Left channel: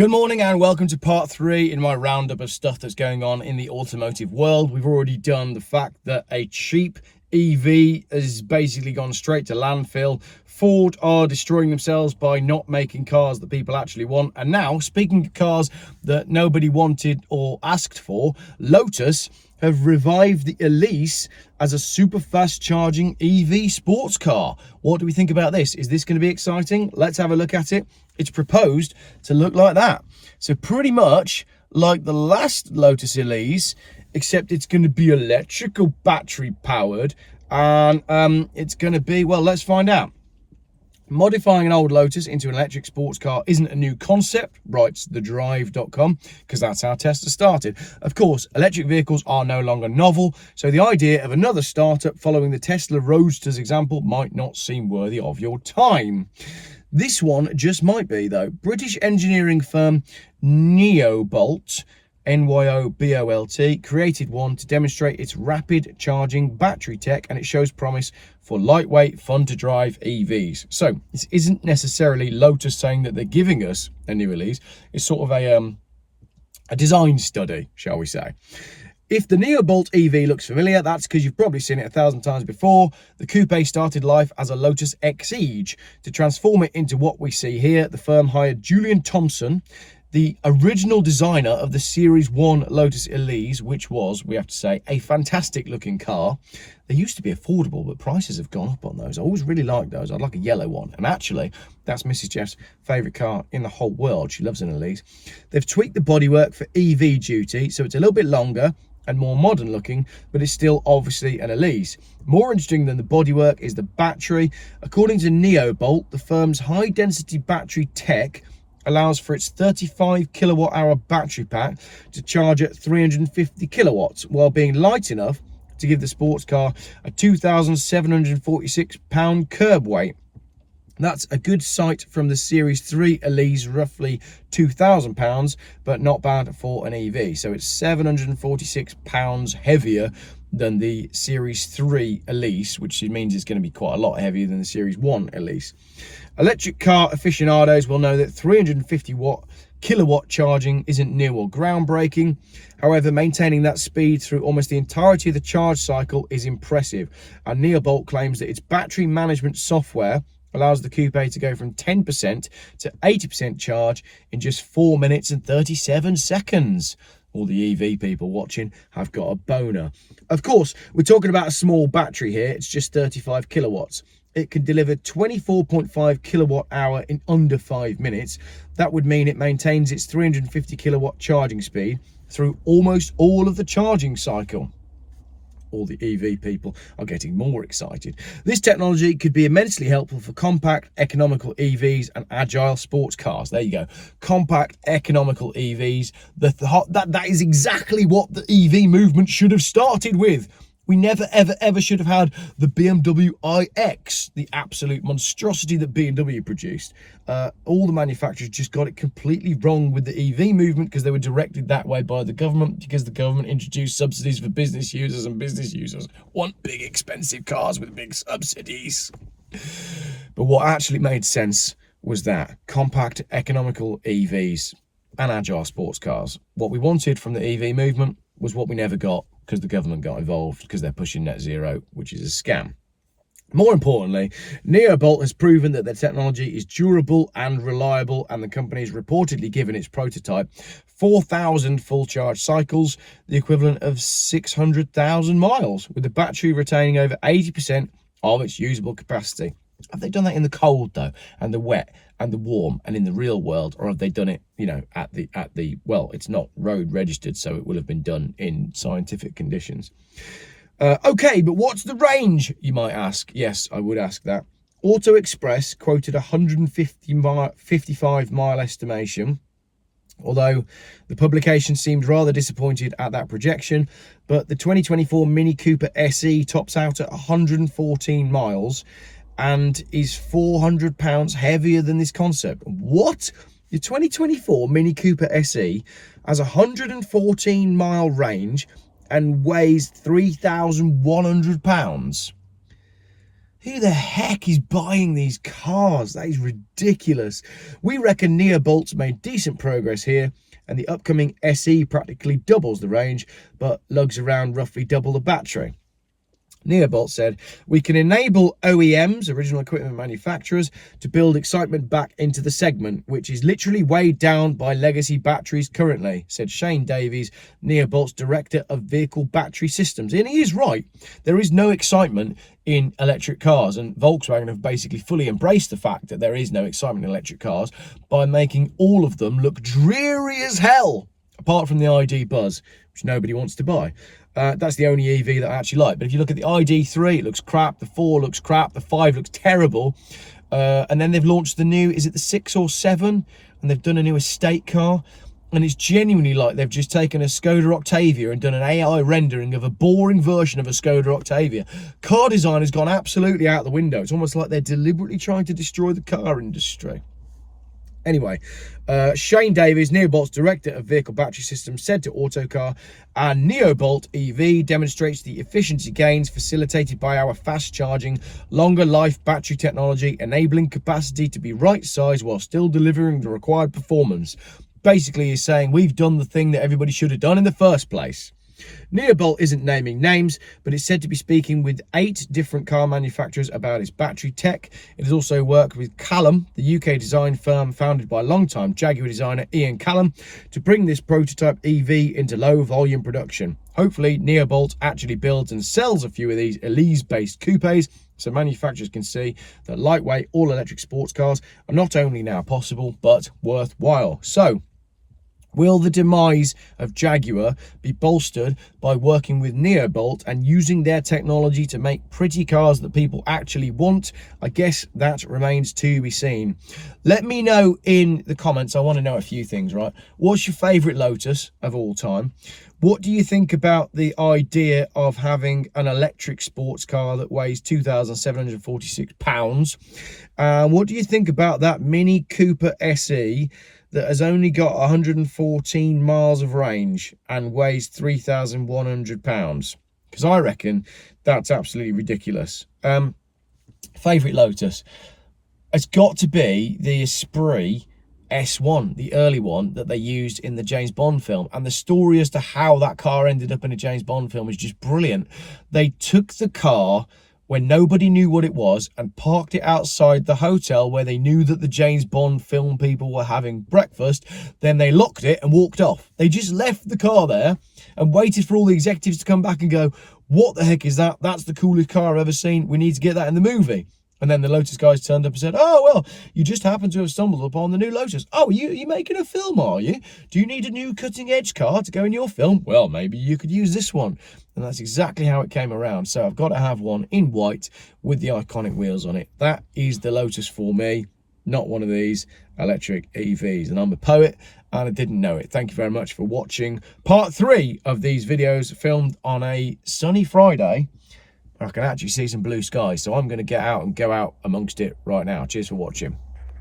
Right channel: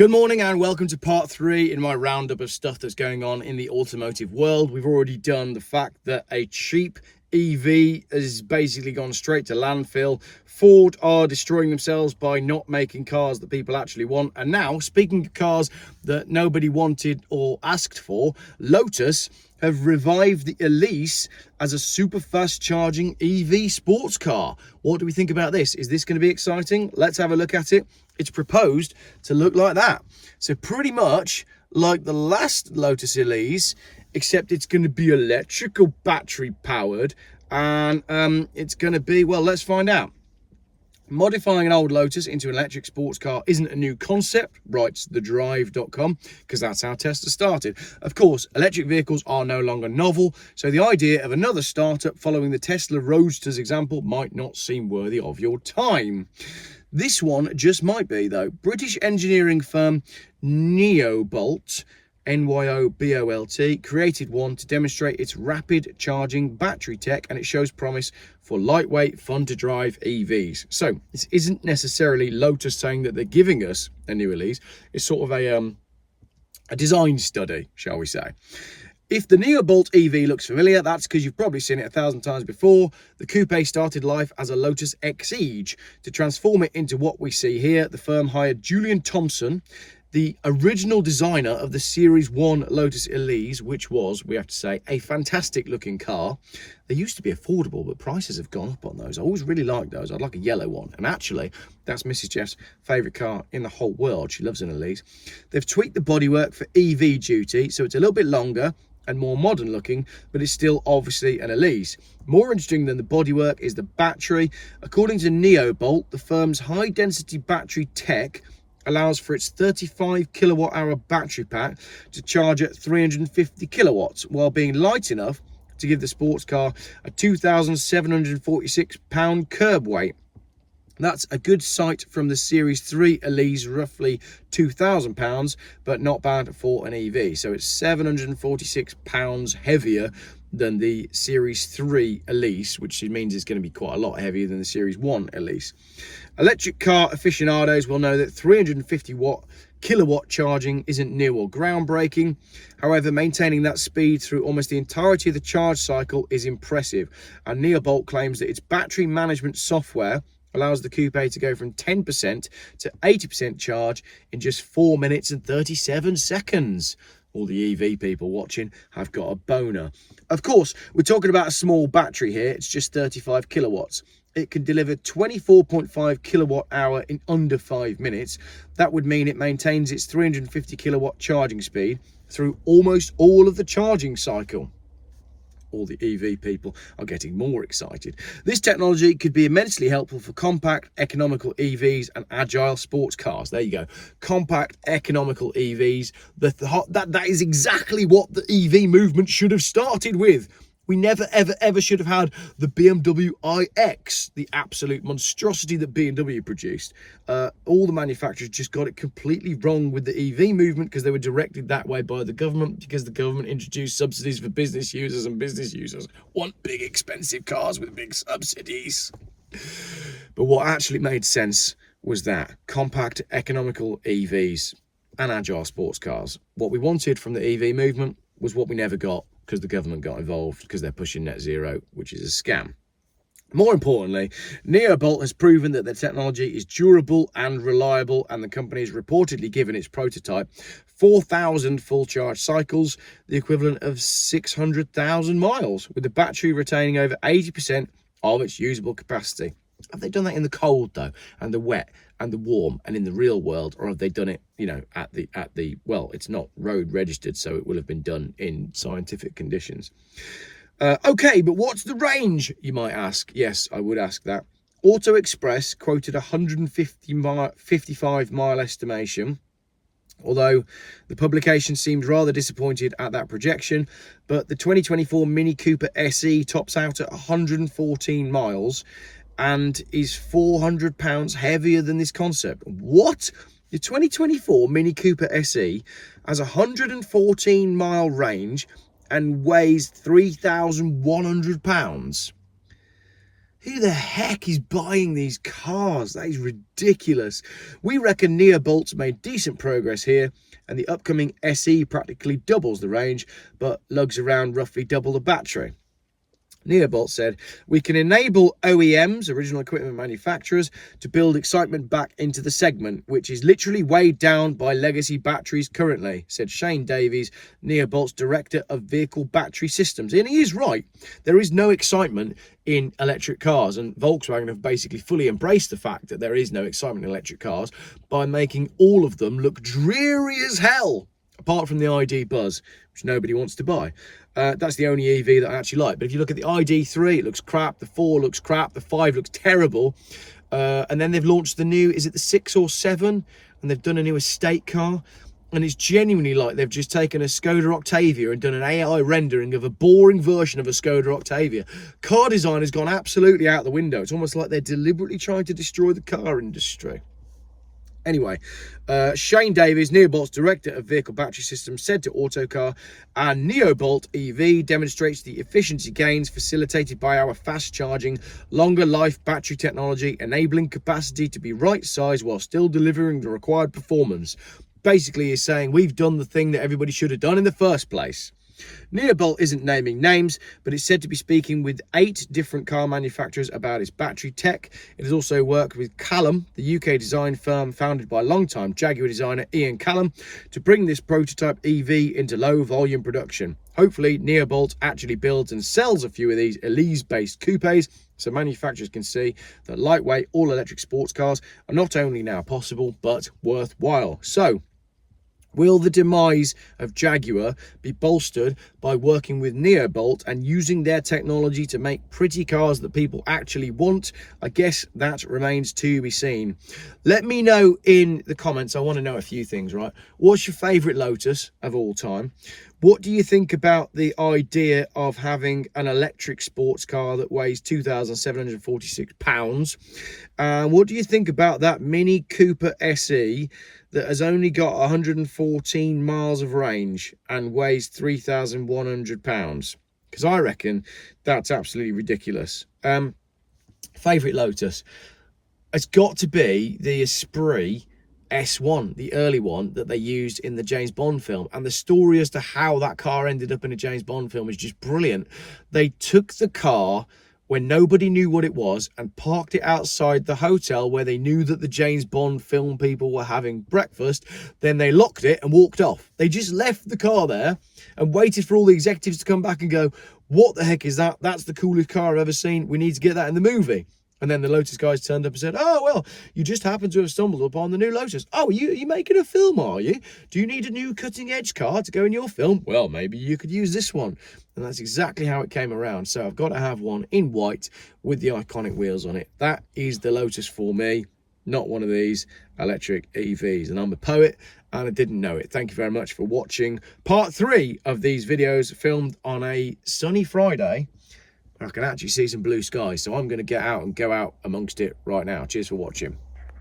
Good morning and welcome to part 3 in my roundup of stuff that's going on in the automotive world. We've already done the fact that a cheap EV has basically gone straight to landfill. Ford are destroying themselves by not making cars that people actually want. And now, speaking of cars that nobody wanted or asked for, Lotus have revived the Elise as a super fast charging EV sports car. What do we think about this? Is this going to be exciting? Let's have a look at it. It's proposed to look like that. So pretty much like the last Lotus Elise, except it's going to be electrical battery powered, and it's going to be, well, let's find out. Modifying an old Lotus into an electric sports car isn't a new concept, writes thedrive.com, because that's how Tesla started. Of course, electric vehicles are no longer novel, so the idea of another startup following the Tesla Roadster's example might not seem worthy of your time. This one just might be, though. British engineering firm Nyobolt, Nyobolt, created one to demonstrate its rapid charging battery tech, and it shows promise for lightweight, fun to drive EVs. So this isn't necessarily Lotus saying that they're giving us a new Elise. It's sort of a design study, shall we say. If the Nyobolt EV looks familiar, that's because you've probably seen it 1,000 times before. The coupe started life as a Lotus Exige. To transform it into what we see here, the firm hired Julian Thompson, the original designer of the Series 1 Lotus Elise, which was, we have to say, a fantastic looking car. They used to be affordable, but prices have gone up on those. I always really liked those. I'd like a yellow one. And actually, that's Mrs. Jeff's favourite car in the whole world. She loves an Elise. They've tweaked the bodywork for EV duty, so it's a little bit longer and more modern looking, but it's still obviously an Elise. More interesting than the bodywork is the battery. According to Nyobolt, the firm's high density battery tech allows for its 35 kilowatt hour battery pack to charge at 350 kilowatts while being light enough to give the sports car a 2,746 pound curb weight. That's a good sight from the Series 3 Elise, roughly 2,000 pounds, but not bad for an EV. So it's 746 pounds heavier than the Series 3 Elise, which means it's going to be quite a lot heavier than the Series 1 Elise. Electric car aficionados will know that 350 kilowatt charging isn't new or groundbreaking. However, maintaining that speed through almost the entirety of the charge cycle is impressive. And Nyobolt claims that its battery management software allows the coupe to go from 10% to 80% charge in just 4 minutes and 37 seconds. All the EV people watching have got a boner. Of course, we're talking about a small battery here. It's just 35 kilowatts. It can deliver 24.5 kilowatt hour in under 5 minutes. That would mean it maintains its 350 kilowatt charging speed through almost all of the charging cycle. All the EV people are getting more excited. This technology could be immensely helpful for compact, economical EVs and agile sports cars. There you go. Compact, economical EVs. That is exactly what the EV movement should have started with. We never, ever should have had the BMW iX, the absolute monstrosity that BMW produced. All the manufacturers just got it completely wrong with the EV movement because they were directed that way by the government, because the government introduced subsidies for business users, and business users want big, expensive cars with big subsidies. But what actually made sense was that compact, economical EVs and agile sports cars. What we wanted from the EV movement was what we never got, because the government got involved because they're pushing net zero, which is a scam. More importantly, Nyobolt has proven that their technology is durable and reliable, and the company has reportedly given its prototype 4,000 full charge cycles, the equivalent of 600,000 miles, with the battery retaining over 80% of its usable capacity. Have they done that in the cold though, and the wet and the warm, and in the real world, or have they done it, you know, at the well, it's not road registered, so it will have been done in scientific conditions. Okay, but what's the range, you might ask? Yes, I would ask that. Auto Express quoted 155 mile estimation, although the publication seemed rather disappointed at that projection. But the 2024 Mini Cooper SE tops out at 114 miles and is 400 pounds heavier than this concept. What? The 2024 Mini Cooper SE has a 114 mile range and weighs 3,100 pounds. Who the heck is buying these cars? That is ridiculous. We reckon Neobolt's made decent progress here, and the upcoming SE practically doubles the range, but lugs around roughly double the battery. Neobolt said, we can enable OEMs, original equipment manufacturers, to build excitement back into the segment, which is literally weighed down by legacy batteries currently, said Shane Davies, Neobolt's Director of Vehicle Battery Systems. And he is right. There is no excitement in electric cars, and Volkswagen have basically fully embraced the fact that there is no excitement in electric cars by making all of them look dreary as hell, apart from the ID Buzz, which nobody wants to buy. That's the only EV that I actually like. But if you look at the ID3, it looks crap. The 4 looks crap. The 5 looks terrible. And then they've launched the new, is it the 6 or 7? And they've done a new estate car. And it's genuinely like they've just taken a Skoda Octavia and done an AI rendering of a boring version of a Skoda Octavia. Car design has gone absolutely out the window. It's almost like they're deliberately trying to destroy the car industry. Anyway, Shane Davies, Neobolt's Director of Vehicle Battery Systems, said to Autocar, our Neobolt EV demonstrates the efficiency gains facilitated by our fast-charging, longer-life battery technology, enabling capacity to be right-sized while still delivering the required performance. Basically, he's saying we've done the thing that everybody should have done in the first place. Neobolt isn't naming names, but it's said to be speaking with 8 different car manufacturers about its battery tech. It has also worked with Callum, the UK design firm founded by longtime Jaguar designer Ian Callum, to bring this prototype EV into low volume production. Hopefully, Neobolt actually builds and sells a few of these Elise-based coupes, so manufacturers can see that lightweight all-electric sports cars are not only now possible, but worthwhile. So, will the demise of Jaguar be bolstered by working with Neobolt and using their technology to make pretty cars that people actually want? I guess that remains to be seen. Let me know in the comments. I want to know a few things, right? What's your favourite Lotus of all time? What do you think about the idea of having an electric sports car that weighs 2,746 pounds? What do you think about that Mini Cooper SE that has only got 114 miles of range and weighs 3,100 pounds? Because I reckon that's absolutely ridiculous. Favourite Lotus? It's got to be the Esprit S1, the early one that they used in the James Bond film. And the story as to how that car ended up in a James Bond film is just brilliant. They took the car when nobody knew what it was and parked it outside the hotel where they knew that the James Bond film people were having breakfast. Then they locked it and walked off. They just left the car there and waited for all the executives to come back and go, what the heck is that? That's the coolest car I've ever seen. We need to get that in the movie. And then the Lotus guys turned up and said, oh, well, you just happen to have stumbled upon the new Lotus. Oh, you making a film, are you? Do you need a new cutting-edge car to go in your film? Well, maybe you could use this one. And that's exactly how it came around. So I've got to have one in white with the iconic wheels on it. That is the Lotus for me, not one of these electric EVs. And I'm a poet, and I didn't know it. Thank you very much for watching part 3 of these videos filmed on a sunny Friday. I can actually see some blue skies, so I'm going to get out and go out amongst it right now. Cheers for watching.